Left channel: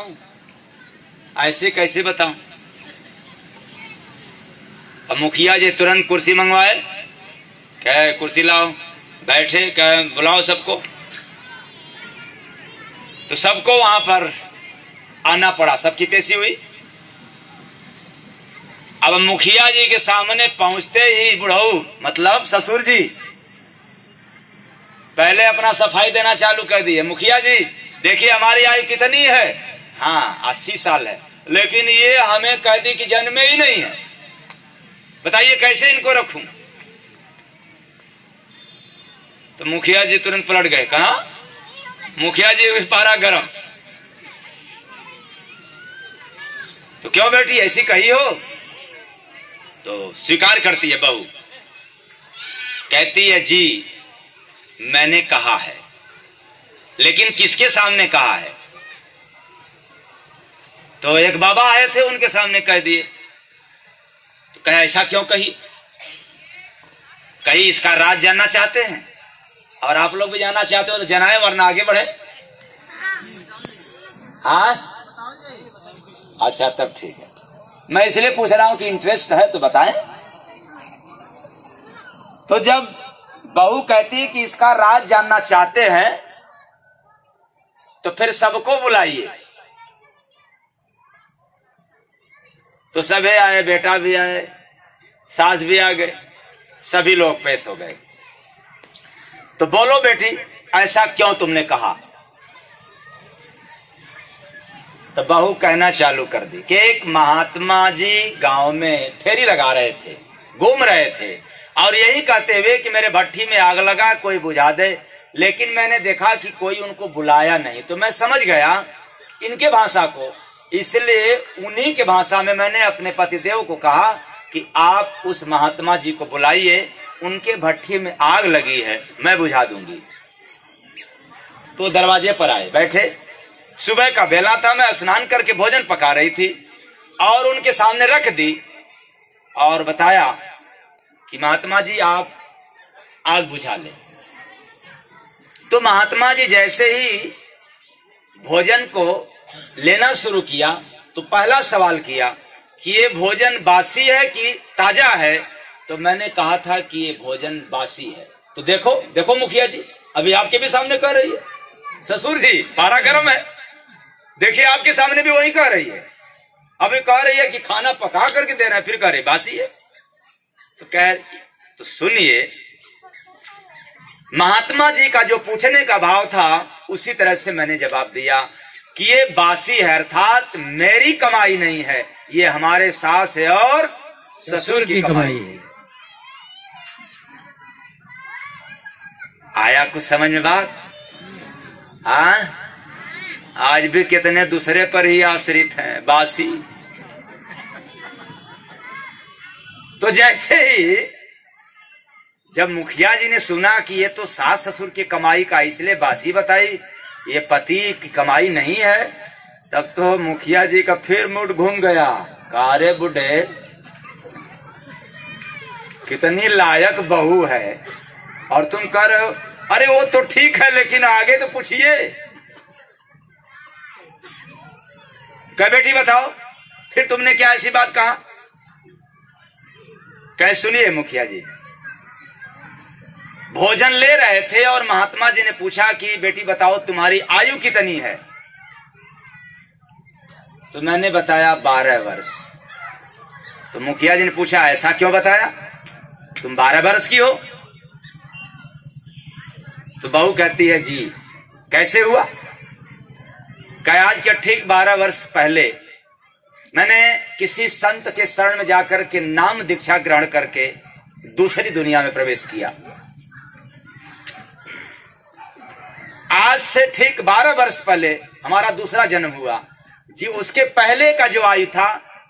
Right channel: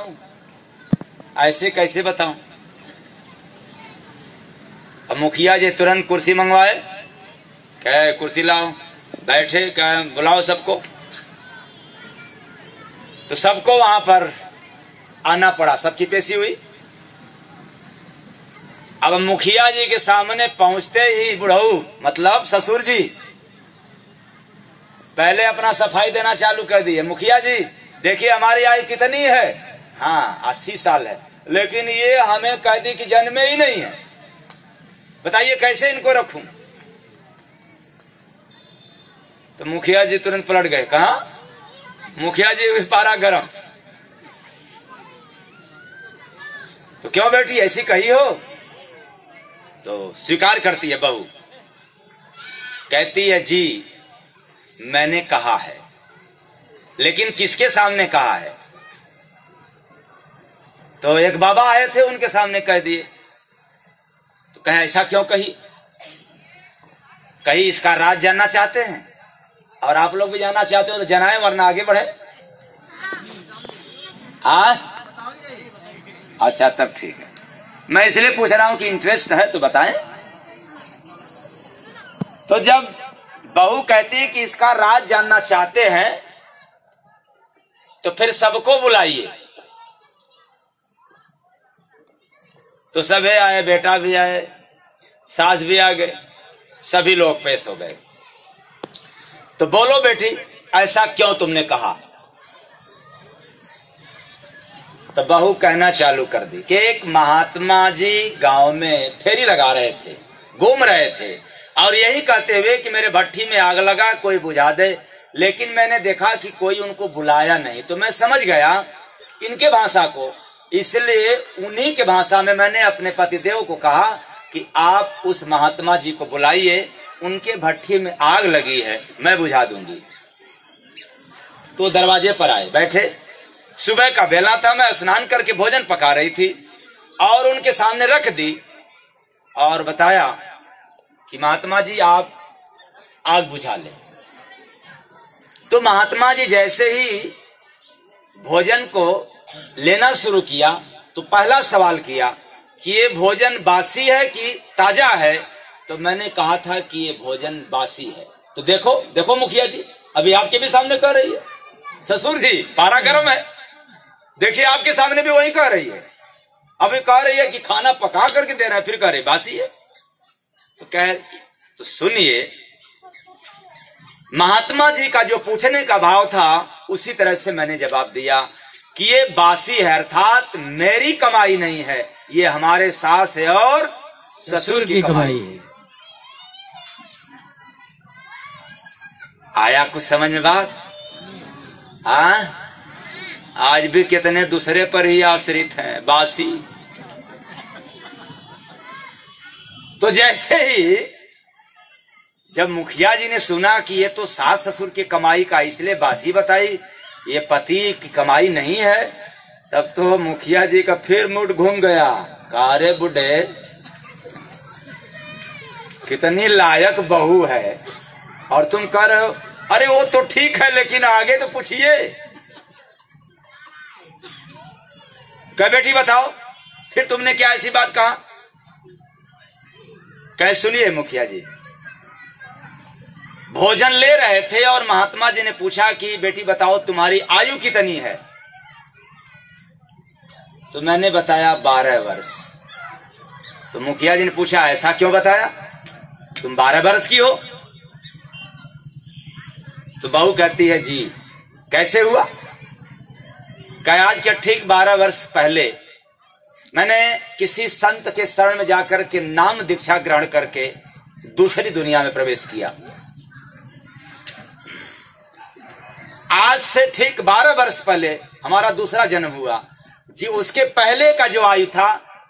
बताऊं? ऐसे कैसे बताऊं? अब मुखिया जी तुरंत कुर्सी मंगवाए, कहे कुर्सी लाओ, बैठे, कहे बुलाओ सबको। तो सबको वहां पर आना पड़ा, सबकी पेशी हुई। अब मुखिया जी के सामने पहुंचते ही बुढ़ऊ मतलब ससुर जी पहले अपना सफाई देना चालू कर दिए। मुखिया जी देखिए हमारी आयु कितनी है? हाँ 80 साल है, लेकिन ये हमें कह दी कि जन्मे ही नहीं है, बताइए कैसे इनको रखूं? तो मुखिया जी तुरंत पलट गए, कहा मुखिया जी भी पारा गरम। तो क्यों बेटी ऐसी कही हो? तो स्वीकार करती है बहू, कहती है जी मैंने कहा है, लेकिन किसके सामने कहा है? तो एक बाबा आए थे उनके सामने कह दिए। तो कहे ऐसा क्यों कही? कहीं इसका राज जानना चाहते हैं और आप लोग भी जानना चाहते हो तो जनाए, वरना आगे बढ़े। हाँ अच्छा तब ठीक है, मैं इसलिए पूछ रहा हूं कि इंटरेस्ट है तो बताएं। तो जब बहू कहती है कि इसका राज जानना चाहते हैं तो फिर सबको बुलाइए। तो सभी आए, बेटा भी आए, सास भी आ गए, सभी लोग पेश हो गए। तो बोलो बेटी ऐसा क्यों तुमने कहा? तो बहू कहना चालू कर दी कि एक महात्मा जी गांव में फेरी लगा रहे थे, घूम रहे थे और यही कहते हुए कि मेरे भट्ठी में आग लगा, कोई बुझा दे, लेकिन मैंने देखा कि कोई उनको बुलाया नहीं। तो मैं समझ गया इनके भाषा को, इसलिए उन्हीं के भाषा में मैंने अपने पतिदेव को कहा कि आप उस महात्मा जी को बुलाइए, उनके भट्ठी में आग लगी है, मैं बुझा दूंगी। तो दरवाजे पर आए, बैठे। सुबह का बेला था, मैं स्नान करके भोजन पका रही थी और उनके सामने रख दी और बताया कि महात्मा जी आप आग बुझा लें। तो महात्मा जी जैसे ही भोजन को लेना शुरू किया तो पहला सवाल किया कि ये भोजन बासी है कि ताजा है? तो मैंने कहा था कि ये भोजन बासी है। तो देखो देखो मुखिया जी, अभी आपके भी सामने कह रही है, ससुर जी पारा गरम है, देखिए आपके सामने भी वही कह रही है। अभी कह रही है कि खाना पका करके दे रहा है, फिर कह रही बासी है। तो कह, तो सुनिए, महात्मा जी का जो पूछने का भाव था उसी तरह से मैंने जवाब दिया कि ये बासी है, अर्थात मेरी कमाई नहीं है, ये हमारे सास है और ससुर की कमाई है। आया कुछ समझ में बात? हाँ, आज भी कितने दूसरे पर ही आश्रित हैं, बासी। तो जैसे ही जब मुखिया जी ने सुना कि ये तो सास ससुर की कमाई का, इसलिए बासी बताई, ये पति की कमाई नहीं है, तब तो मुखिया जी का फिर मूड घूम गया। कारे बुढ़े कितनी लायक बहू है और तुम कह रहे हो अरे वो तो ठीक है, लेकिन आगे तो पूछिए। क्या बेटी बताओ फिर तुमने क्या ऐसी बात कहा? कह सुनिए मुखिया जी, भोजन ले रहे थे और महात्मा जी ने पूछा कि बेटी बताओ तुम्हारी आयु कितनी है? तो मैंने बताया 12 वर्ष। तो मुखिया जी ने पूछा ऐसा क्यों बताया, तुम 12 वर्ष की हो? तो बहू कहती है जी कैसे हुआ? कह आज के ठीक 12 वर्ष पहले मैंने किसी संत के शरण में जाकर के नाम दीक्षा ग्रहण करके दूसरी दुनिया में प्रवेश किया। आज से ठीक 12 वर्ष पहले हमारा दूसरा जन्म हुआ जी। उसके पहले का जो आयु था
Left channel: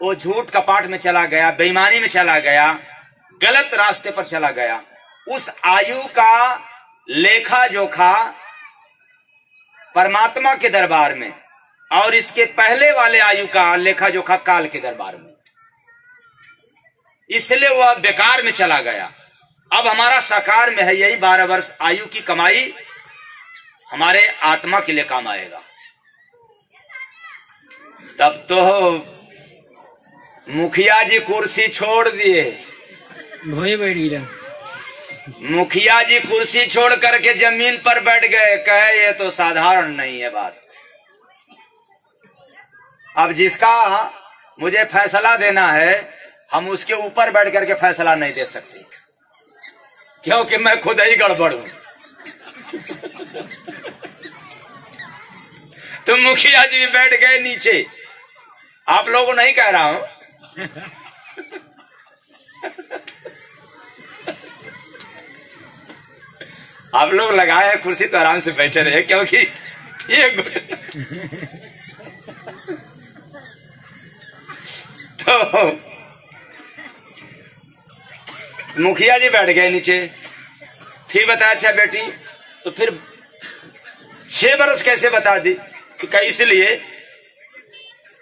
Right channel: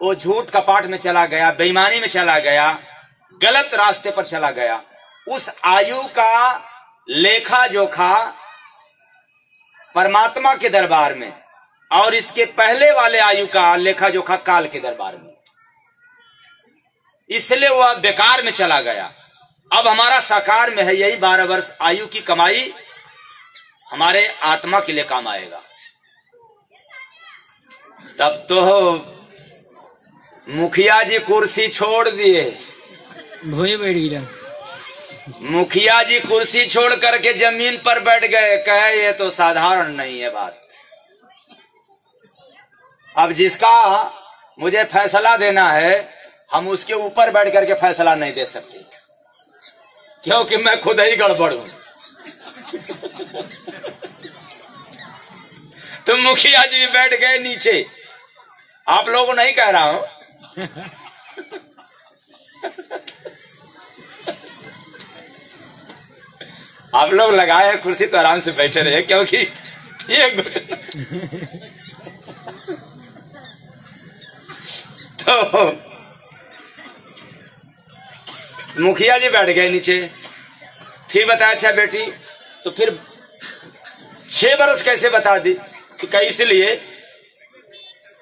वो झूठ कपाट में चला गया, बेईमानी में चला गया, गलत रास्ते पर चला गया। उस आयु का लेखा जोखा परमात्मा के दरबार में और इसके पहले वाले आयु का लेखा जोखा काल के दरबार में, इसलिए वह बेकार में चला गया। अब हमारा साकार में है, यही 12 वर्ष आयु की कमाई हमारे आत्मा के लिए काम आएगा। तब तो मुखिया जी कुर्सी छोड़ दिए। भोए बैठ गया। मुखिया जी कुर्सी छोड़ करके जमीन पर बैठ गए। कहे ये तो साधारण नहीं है बात। अब जिसका मुझे फैसला देना है, हम उसके ऊपर बैठ करके फैसला नहीं दे सकते, क्योंकि मैं खुद ही गड़बड़ हूं। तो मुखिया जी भी बैठ गए नीचे। आप लोगों को नहीं कह रहा हूं। आप लोग लगाए हैं कुर्सी तो आराम से बैठे रहे, क्योंकि ये तो मुखिया जी बैठ गए नीचे। फिर बताया अच्छा बेटी, तो फिर 6 बरस कैसे बता दी? तो इसलिए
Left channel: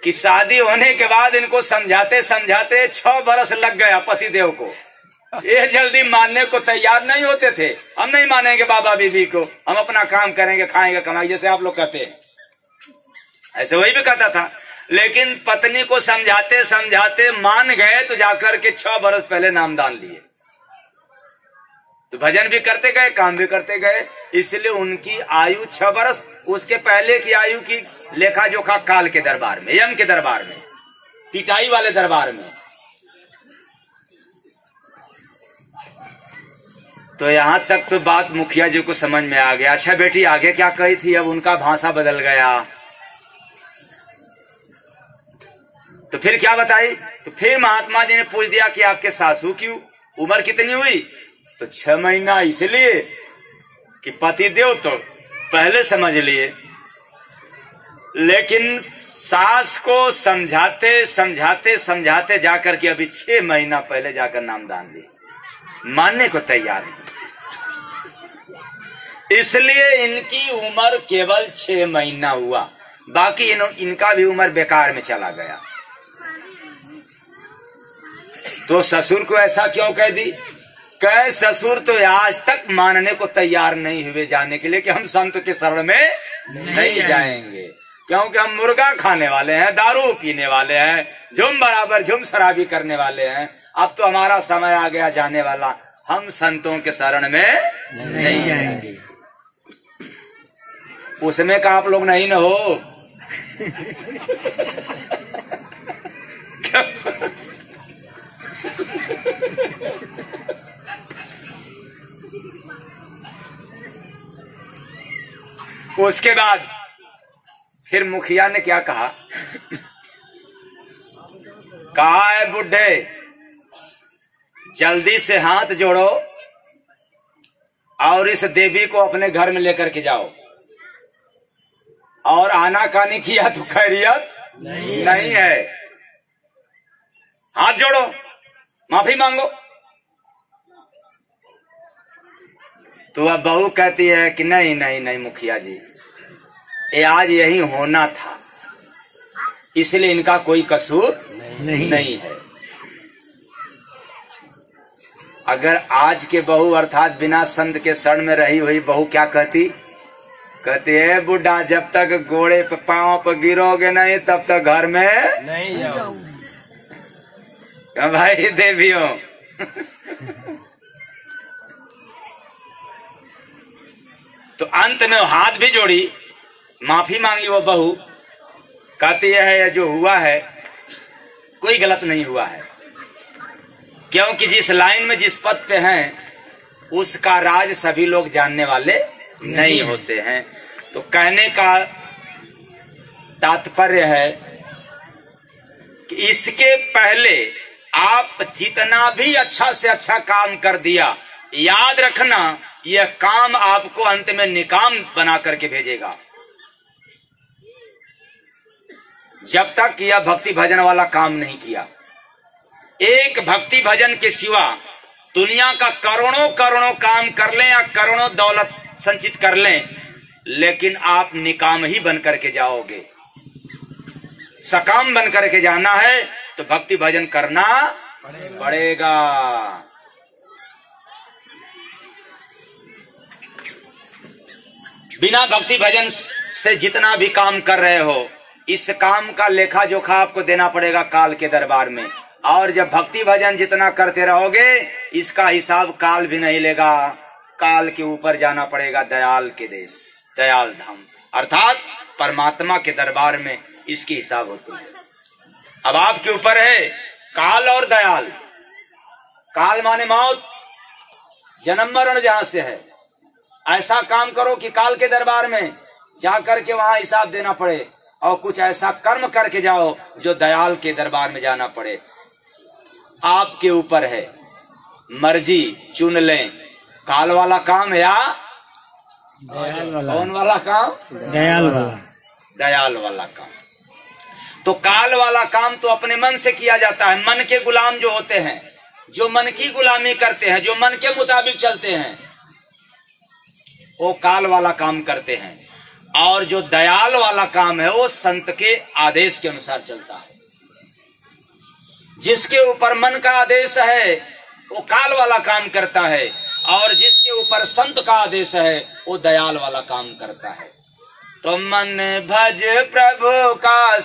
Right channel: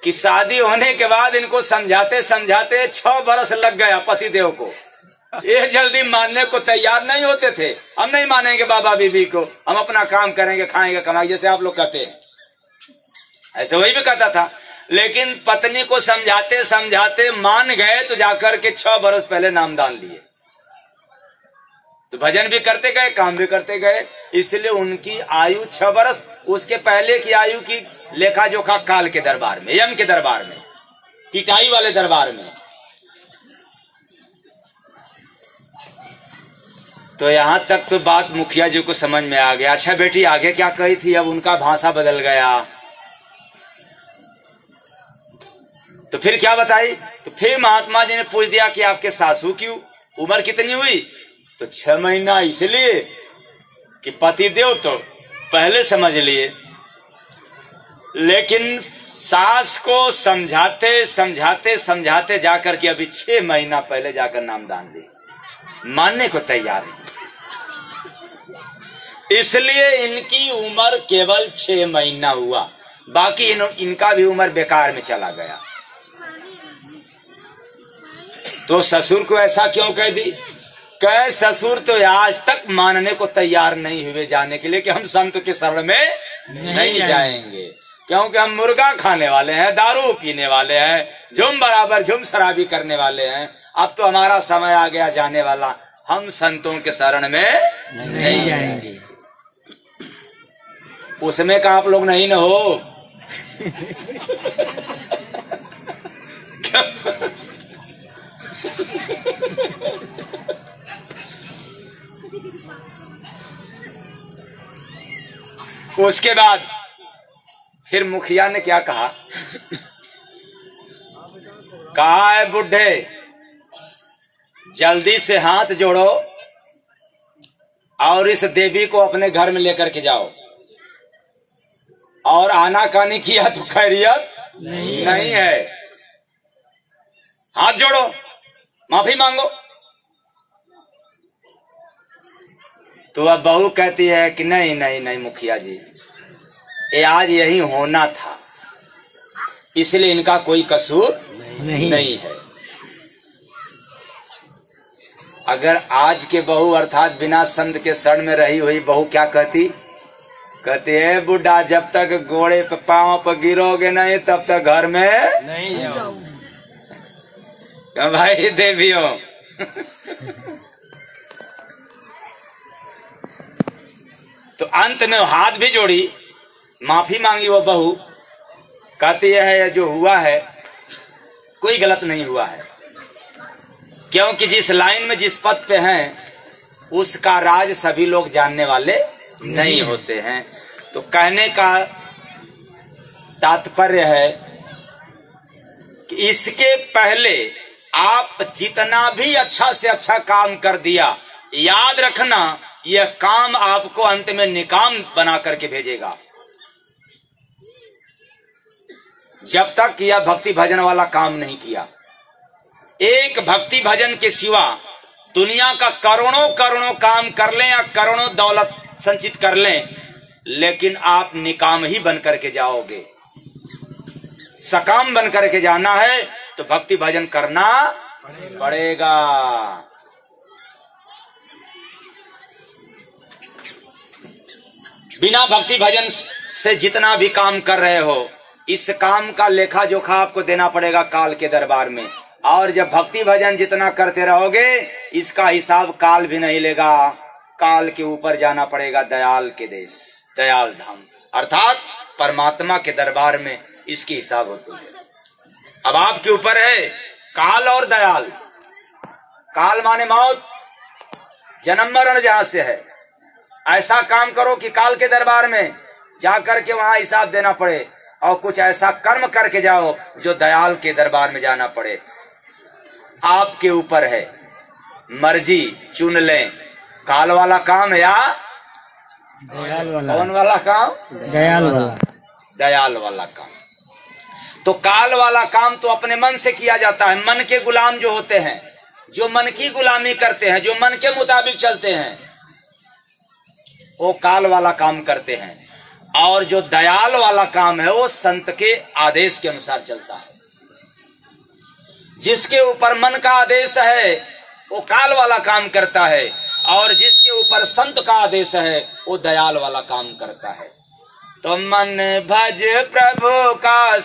कि शादी होने के बाद इनको समझाते समझाते 6 बरस लग गया पतिदेव को। ये जल्दी मानने को तैयार नहीं होते थे। हम नहीं मानेंगे बाबा बीबी को, हम अपना काम करेंगे, खाएंगे, कमाएंगे, जैसे आप लोग कहते हैं, ऐसे वही भी कहता था। लेकिन पत्नी को समझाते समझाते मान गए, तो जाकर के 6 बरस पहले नामदान लिए। तो भजन भी करते गए, काम भी करते गए। इसलिए उनकी आयु 6 बरस। उसके पहले की आयु की लेखा जोखा काल के दरबार में, यम के दरबार में, पिटाई वाले दरबार में। तो यहां तक तो बात मुखिया जी को समझ में आ गया। अच्छा बेटी आगे क्या कही थी? अब उनका भाषा बदल गया। तो फिर क्या बताई? तो फिर महात्मा जी ने पूछ दिया कि आपके सासू की उम्र कितनी हुई? तो 6 महीना। इसलिए कि पतिदेव तो पहले समझ लिए, लेकिन सास को समझाते समझाते समझाते जाकर के अभी 6 महीना पहले जाकर नामदान लिए, मानने को तैयार नहीं। इसलिए इनकी उम्र केवल 6 महीना हुआ, बाकी इनका भी उम्र बेकार में चला गया। तो ससुर को ऐसा क्यों कह दी? कह ससुर तो आज तक मानने को तैयार नहीं हुए जाने के लिए कि हम संत के शरण में नहीं जाएंगे, क्योंकि हम मुर्गा खाने वाले हैं, दारू पीने वाले हैं, झुम बराबर झुम शराबी करने वाले हैं। अब तो हमारा समय आ गया जाने वाला, हम संतों के शरण में नहीं जाएंगे। उसमें का आप लोग नहीं न हो। उसके बाद फिर मुखिया ने क्या कहा? कहा है बुढ़े, जल्दी से हाथ जोड़ो और इस देवी को अपने घर में लेकर के जाओ। और आनाकानी किया तो खैरियत नहीं है। हाथ जोड़ो, माफी मांगो। तो अब बहू कहती है कि नहीं नहीं नहीं मुखिया जी, ये आज यही होना था, इसलिए इनका कोई कसूर नहीं है। अगर आज के बहू अर्थात बिना संत के शरण में रही हुई बहू क्या कहती? कहती है बुढ़ा, जब तक घोड़े पे पांव पर गिरोगे नहीं तब तक घर में नहीं जाऊंगी। भाई देवियों, तो अंत में हाथ भी जोड़ी, माफी मांगी वो बहू। कहती है जो हुआ है कोई गलत नहीं हुआ है, क्योंकि जिस लाइन में जिस पद पे हैं उसका राज सभी लोग जानने वाले नहीं होते हैं। तो कहने का तात्पर्य है कि इसके पहले आप जितना भी अच्छा से अच्छा काम कर दिया, याद रखना यह काम आपको अंत में निकाम बना करके भेजेगा। जब तक यह भक्ति भजन वाला काम नहीं किया, एक भक्ति भजन के सिवा दुनिया का करोड़ों करोड़ों काम कर लें या करोड़ों दौलत संचित कर लें, लेकिन आप निकाम ही बन करके जाओगे। सकाम बन करके जाना है तो भक्ति भजन करना पड़ेगा। बिना भक्ति भजन से जितना भी काम कर रहे हो, इस काम का लेखा जोखा आपको देना पड़ेगा काल के दरबार में। और जब भक्ति भजन जितना करते रहोगे इसका हिसाब काल भी नहीं लेगा। काल के ऊपर जाना पड़ेगा दयाल के देश, दयाल धाम, अर्थात परमात्मा के दरबार में इसकी हिसाब होती है। अब आपके ऊपर है काल और दयाल। काल माने मौत, जन्म मरण जहां से है। ऐसा काम करो कि काल के दरबार में जाकर के वहां हिसाब देना पड़े, और कुछ ऐसा कर्म करके जाओ जो दयाल के दरबार में जाना पड़े। आपके ऊपर है, मर्जी चुन लें, काल वाला काम या दयाल वाला। कौन वाला काम? दयाल वाला। दयाल वाला काम। तो काल वाला काम तो अपने मन से किया जाता है। मन के गुलाम जो होते हैं, जो मन की गुलामी करते हैं, जो मन के मुताबिक चलते हैं, वो काल वाला काम करते हैं। और जो दयाल वाला काम है वो संत के आदेश के अनुसार चलता है। जिसके ऊपर मन का आदेश है वो काल वाला काम करता है, और जिसके ऊपर संत का आदेश है वो दयाल वाला काम करता है। तो मन भज प्रभु का